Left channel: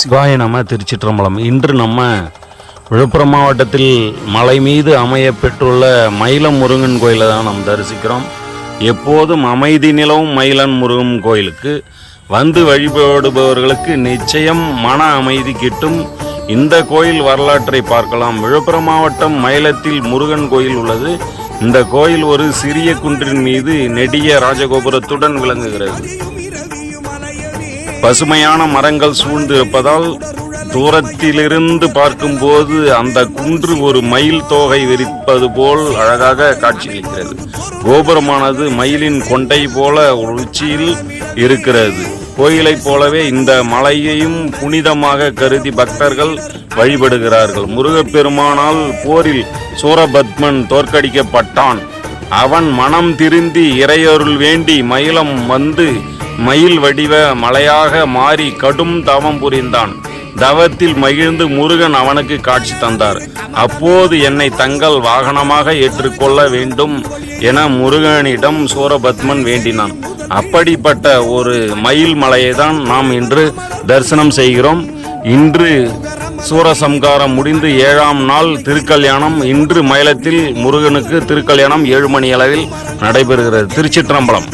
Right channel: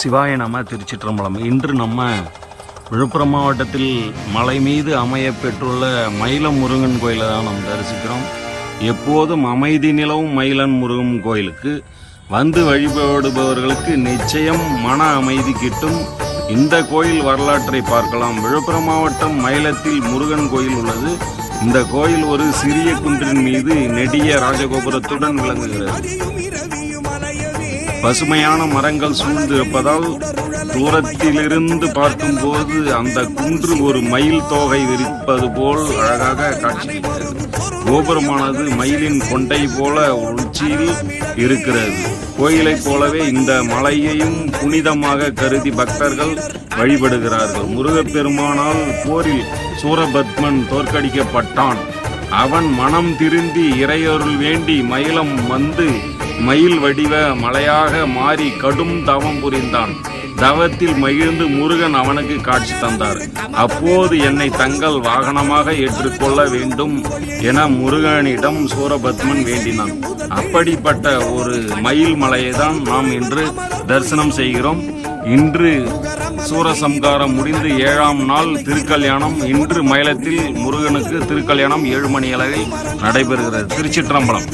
சிவாய நம. திருச்சிற்றம்பலம். இன்று நம்ம விழுப்புரம் மாவட்டத்தில் மலை மீது அமைய பெற்றுள்ள மயிலம் முருகன் கோயிலை தான் நாம் தரிசிக்கிறோம். எப்போதும் அமைதி நிலவும் மயிலன் முருகன் கோயிலுக்கு வந்து வழிபடுபவர்களுக்கு நிச்சயம் மன அமைதி கிட்டும். இந்த கோயில் வரலாற்றை பார்க்கலாம். விழுப்புரம் மாவட்டம் மயிலத்தில் முருகன் கோயில் உள்ளது. இந்த கோயில் ஒரு சிறிய குன்றின் மீது நெடிய ராஜகோபுரத்துடன் விளங்குகிறது. பசுமையான மரங்கள் சூழ்ந்து இருப்பதால் தூரத்திலிருந்து பார்க்கும்போது அந்த குன்று ஒரு மயில் தோகை விரிப்பது போல் அழகாக காட்சியளிக்கிறது. கோபுரமானது மயிலின் கொண்டை போல உச்சியில் இருக்கிறது. கோயிலைப் போலவே இந்த மலையையும் புனிதமாக கருதி பக்தர்கள் வழிபடுகிறார்கள். முருகப்பெருமானால் போரில் சூரபத்மன் தோற்கடிக்கப்பட்டான். அவன் மனம் திருந்தி இறையருள் வேண்டி மயிலம் வந்து மயில் வடிவ மலையாக மாறி கடும் தவம் புரிந்தான். தவத்தில் மகிழ்ந்து முருகன் அவனுக்கு காட்சி தந்தார். அப்போது என்னை தங்கள் வாகனமாக ஏற்றுக்கொள்ள வேண்டும் என முருகனிடம் சூரபத்மன் வேண்டினான். அப்படிப்பட்ட ஒரு மயில் மலையை தான் நாம் இன்று தரிசனம் செய்கிறோம். இன்று சூரசம்காரம் முடிந்து 7ஆம் நாள் திருக்கல்யாணம். இன்று மயிலத்தில் முருகனுக்கு திருக்கல்யாணம் 7 மணி அளவில் நடைபெறுகிறது. திருச்சிற்றம்பலம்.